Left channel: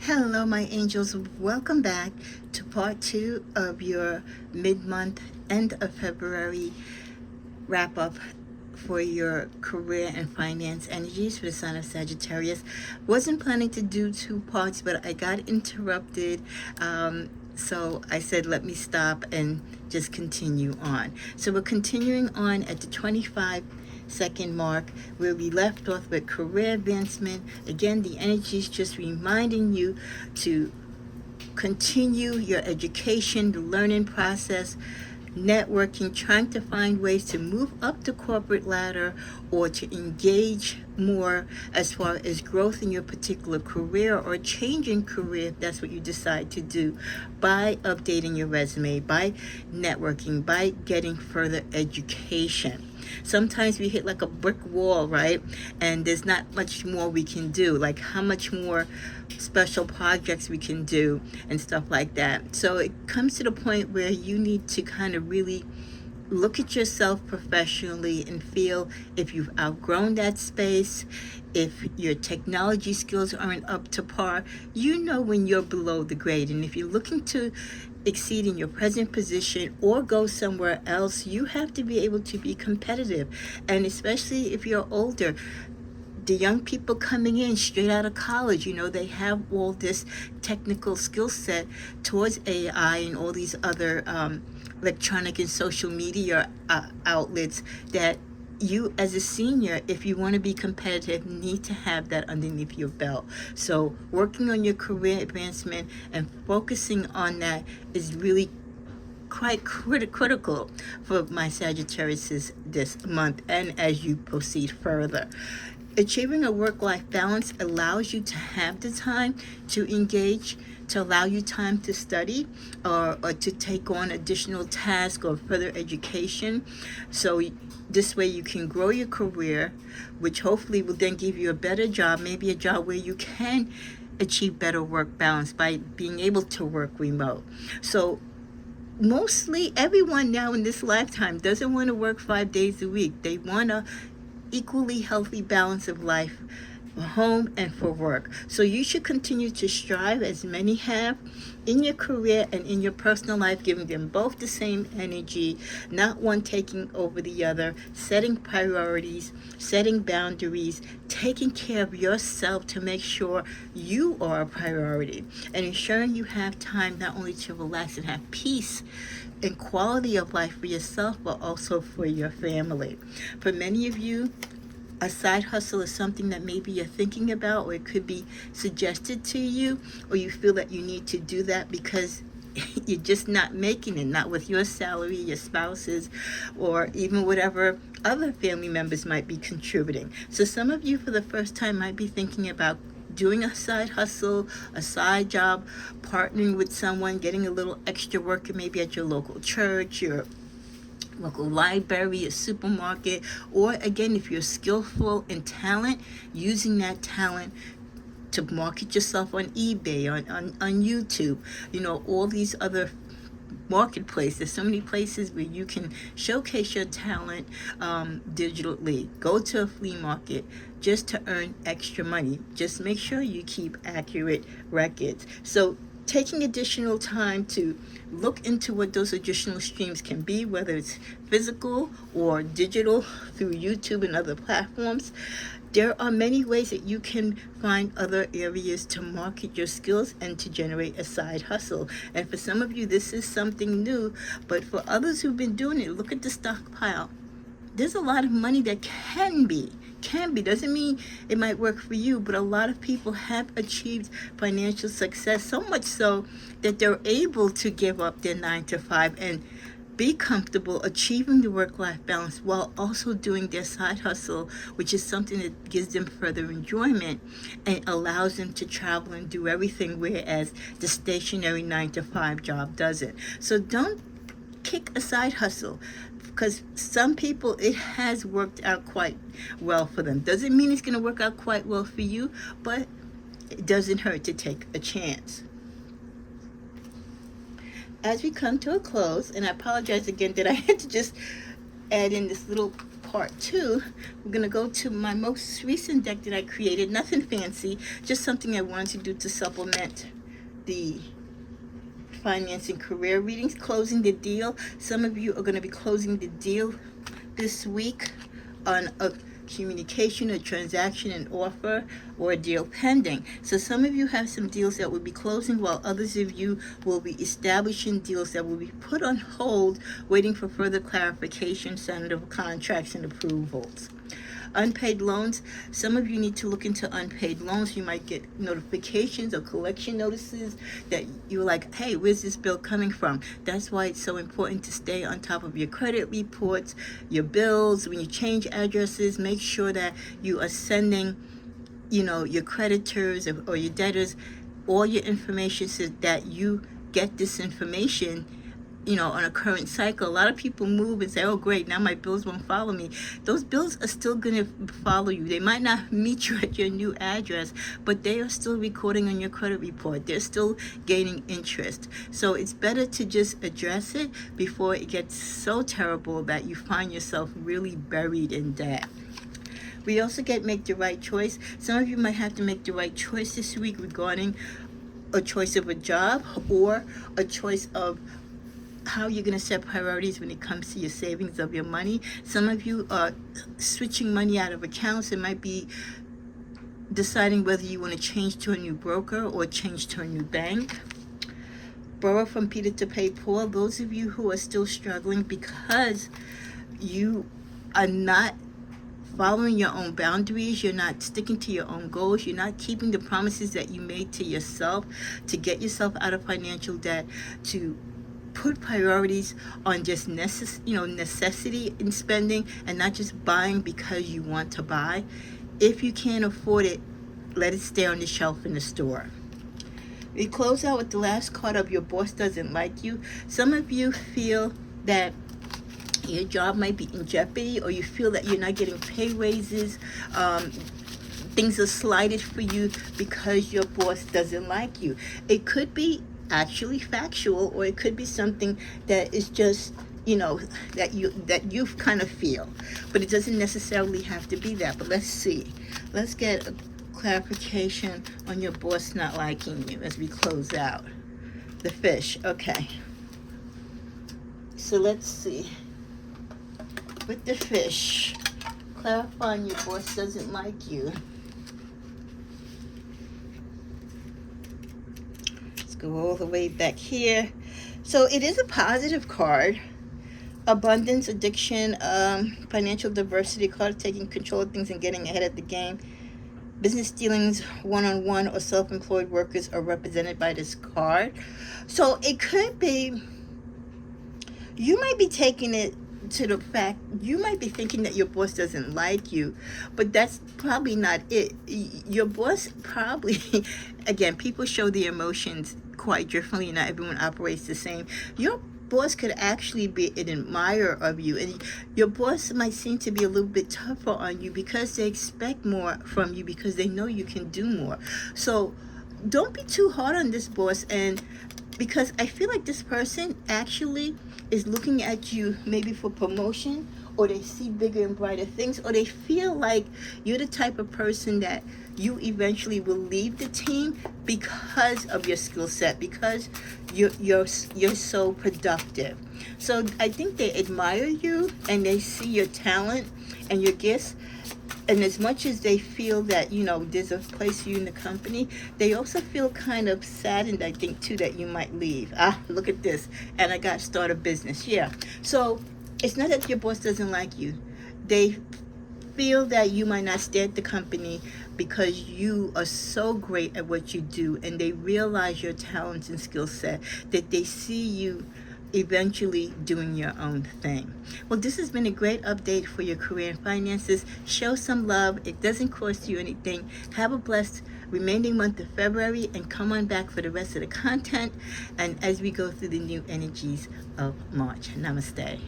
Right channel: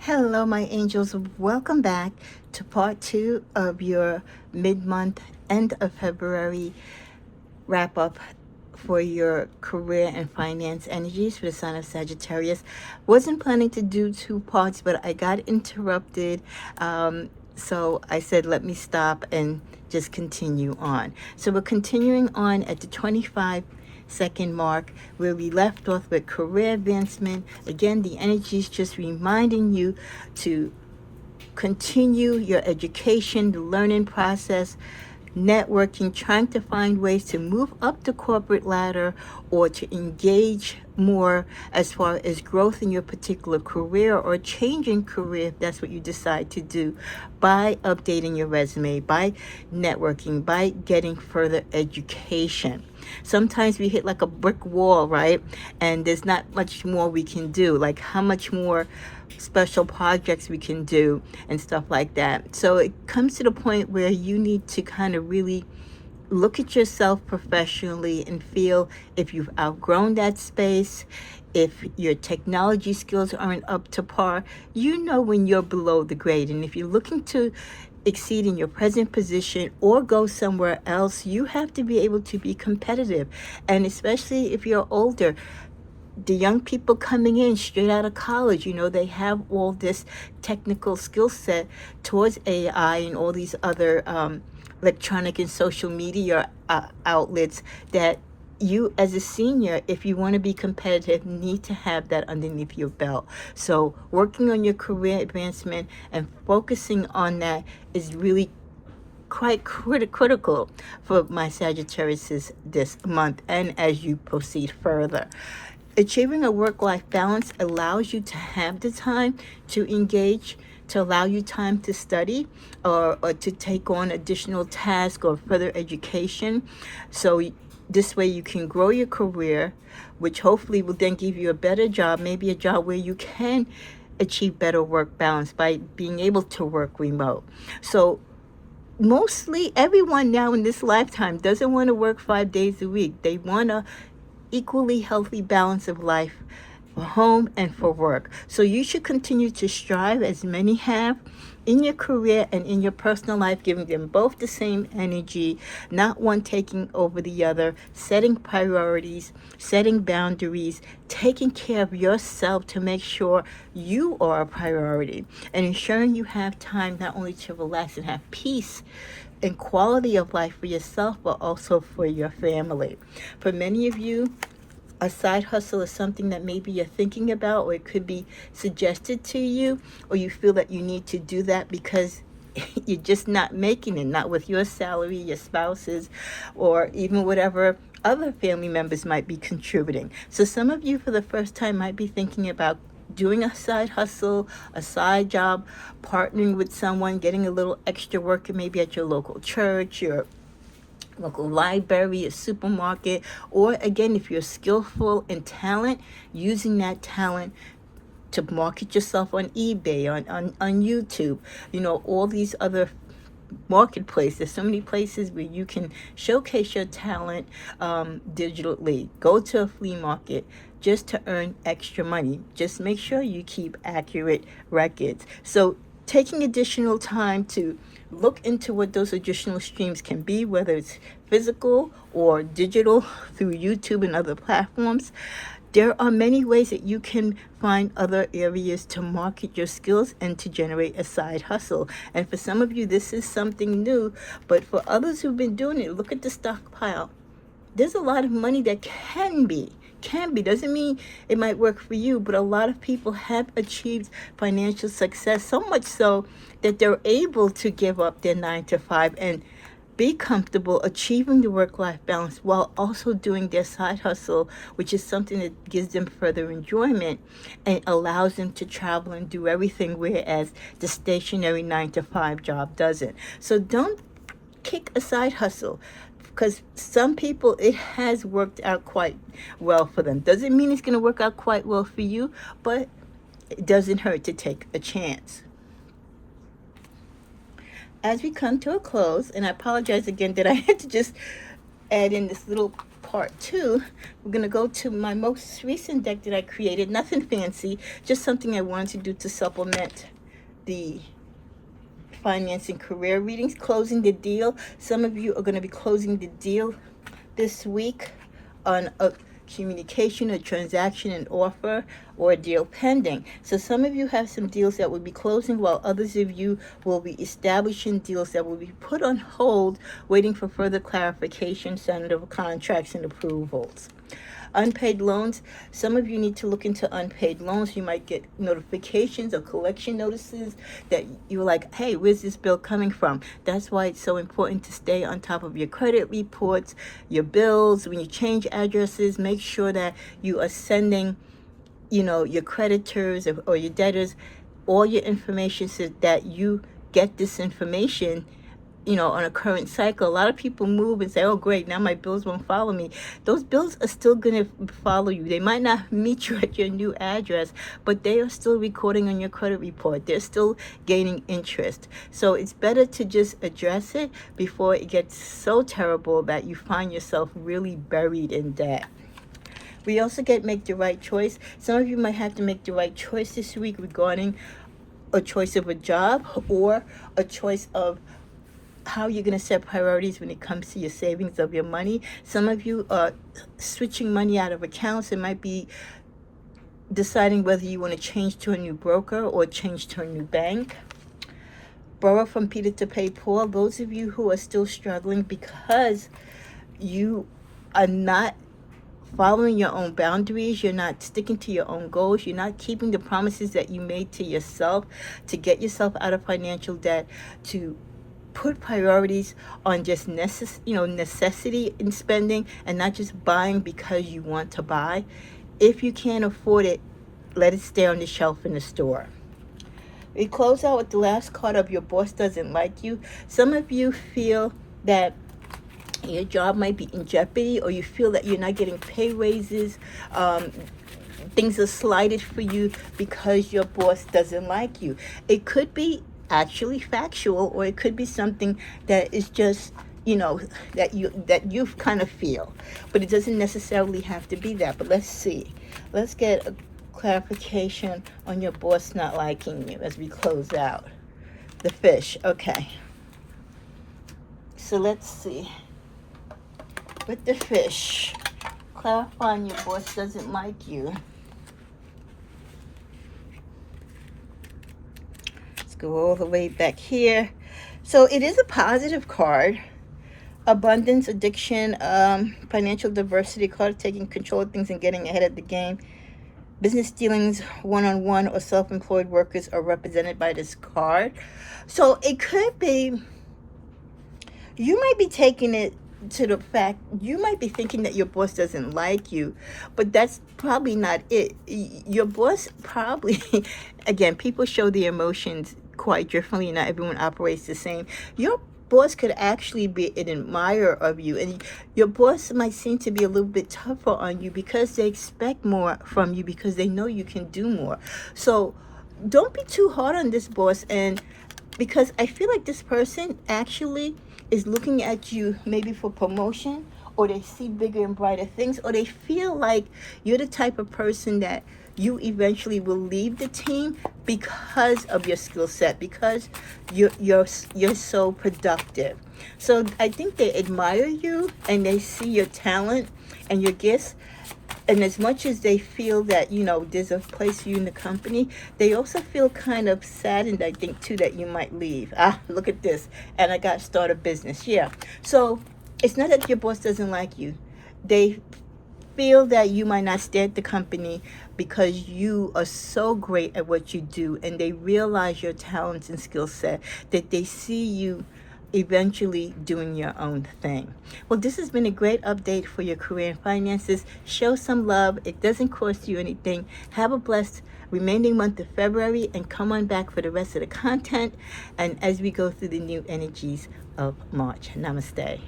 Hello, my angels. Welcome back to part 2 of your mid-month, end of February wrap up for your career and finance energies for the sign of Sagittarius. Wasn't planning to do 2 parts, but I got interrupted. So I said, let me stop and just continue on. So we're continuing on at the 25-second mark where we left off with career advancement. Again, the energy is just reminding you to continue your education, the learning process, networking, trying to find ways to move up the corporate ladder or to engage more as far as growth in your particular career or changing career if that's what you decide to do, by updating your resume, by networking, by getting further education. Sometimes we hit like a brick wall, right? And there's not much more we can do. Like how much more special projects we can do and stuff like that. So it comes to the point where you need to kind of really look at yourself professionally and feel if you've outgrown that space, if your technology skills aren't up to par. You know when you're below the grade, and if you're looking to exceed in your present position or go somewhere else, you have to be able to be competitive. And especially if you're older, the young people coming in straight out of college, they have all this technical skill set towards AI and all these other electronic and social media outlets that you as a senior, if you want to be competitive, need to have that underneath your belt. So working on your career advancement and focusing on that is really quite critical for my Sagittarius this month and as you proceed further. Achieving a work-life balance allows you to have the time to engage, to allow you time to study or to take on additional tasks or further education. So this way you can grow your career, which hopefully will then give you a better job, maybe a job where you can achieve better work balance by being able to work remote. So mostly everyone now in this lifetime doesn't want to work 5 days a week. They want a equally healthy balance of life for home and for work. So you should continue to strive, as many have, in your career and in your personal life, giving them both the same energy, not one taking over the other, setting priorities, setting boundaries, taking care of yourself to make sure you are a priority, and ensuring you have time not only to relax and have peace and quality of life for yourself, but also for your family. For many of you, a side hustle is something that maybe you're thinking about, or it could be suggested to you, or you feel that you need to do that because you're just not making it, not with your salary, your spouse's, or even whatever other family members might be contributing. So some of you for the first time might be thinking about doing a side hustle, a side job, partnering with someone, getting a little extra work maybe at your local church, your local library, a supermarket, or again, if you're skillful in talent, using that talent to market yourself on eBay, on YouTube, all these other marketplaces. There's so many places where you can showcase your talent digitally. Go to a flea market just to earn extra money. Just make sure you keep accurate records. So taking additional time to look into what those additional streams can be, whether it's physical or digital through YouTube and other platforms. There are many ways that you can find other areas to market your skills and to generate a side hustle. And for some of you, this is something new, but for others who've been doing it, look at the stockpile. There's a lot of money that can be, doesn't mean it might work for you, but a lot of people have achieved financial success, so much so that they're able to give up their 9 to 5 and be comfortable achieving the work-life balance while also doing their side hustle, which is something that gives them further enjoyment and allows them to travel and do everything, whereas the stationary 9 to 5 job doesn't. So don't kick a side hustle, because some people, it has worked out quite well for them. Doesn't mean it's going to work out quite well for you, but it doesn't hurt to take a chance. As we come to a close, and I apologize again that I had to just add in this little part 2, we're going to go to my most recent deck that I created. Nothing fancy, just something I wanted to do to supplement the financing career readings. Closing the deal. Some of you are going to be closing the deal this week on a communication, a transaction, an offer, or a deal pending. So some of you have some deals that will be closing, while others of you will be establishing deals that will be put on hold, waiting for further clarification, signing of contracts, and approvals. Unpaid loans. Some of you need to look into unpaid loans. You might get notifications or collection notices that you're like, hey, where's this bill coming from? That's why it's so important to stay on top of your credit reports, your bills. When you change addresses, make sure that you are sending, your creditors or your debtors all your information so that you get this information on a current cycle. A lot of people move and say, oh great, now my bills won't follow me. Those bills are still going to follow you. They might not meet you at your new address, but they are still recording on your credit report. They're still gaining interest. So it's better to just address it before it gets so terrible that you find yourself really buried in debt. We also get make the right choice. Some of you might have to make the right choice this week regarding a choice of a job or a choice of how you're going to set priorities when it comes to your savings of your money. Some of you are switching money out of accounts. It might be deciding whether you want to change to a new broker or change to a new bank. Borrow from Peter to pay Paul. Those of you who are still struggling because you are not following your own boundaries, you're not sticking to your own goals, you're not keeping the promises that you made to yourself to get yourself out of financial debt, to put priorities on just necessity in spending and not just buying because you want to buy. If you can't afford it, let it stay on the shelf in the store. We close out with the last card of your boss doesn't like you. Some of you feel that your job might be in jeopardy, or you feel that you're not getting pay raises. Things are slighted for you because your boss doesn't like you. It could be actually factual, or it could be something that is just that you kind of feel, but it doesn't necessarily have to be that. But let's get a clarification on your boss not liking you as we close out. The fish. Okay, so let's see with the fish, clarifying your boss doesn't like you. Go all the way back here. So it is a positive card. Abundance, addiction, financial diversity card, taking control of things and getting ahead of the game. Business dealings, one-on-one or self-employed workers are represented by this card. So it could be, you might be taking it to the fact, you might be thinking that your boss doesn't like you, but that's probably not it. Your boss probably, again, people show their emotions quite differently. Not everyone operates the same. Your boss could actually be an admirer of you, and your boss might seem to be a little bit tougher on you because they expect more from you because they know you can do more. So don't be too hard on this boss, and because I feel like this person actually is looking at you maybe for promotion, or they see bigger and brighter things, or they feel like you're the type of person that you eventually will leave the team because of your skill set, because you're so productive. So I think they admire you and they see your talent and your gifts. And as much as they feel that, there's a place for you in the company, they also feel kind of saddened, I think, too, that you might leave. Look at this. And I got to start a business. Yeah. So it's not that your boss doesn't like you. They feel that you might not stay at the company because you are so great at what you do, and they realize your talents and skill set, that they see you eventually doing your own thing. Well, this has been a great update for your career and finances. Show some love. It doesn't cost you anything. Have a blessed remaining month of February, and come on back for the rest of the content and as we go through the new energies of March. Namaste.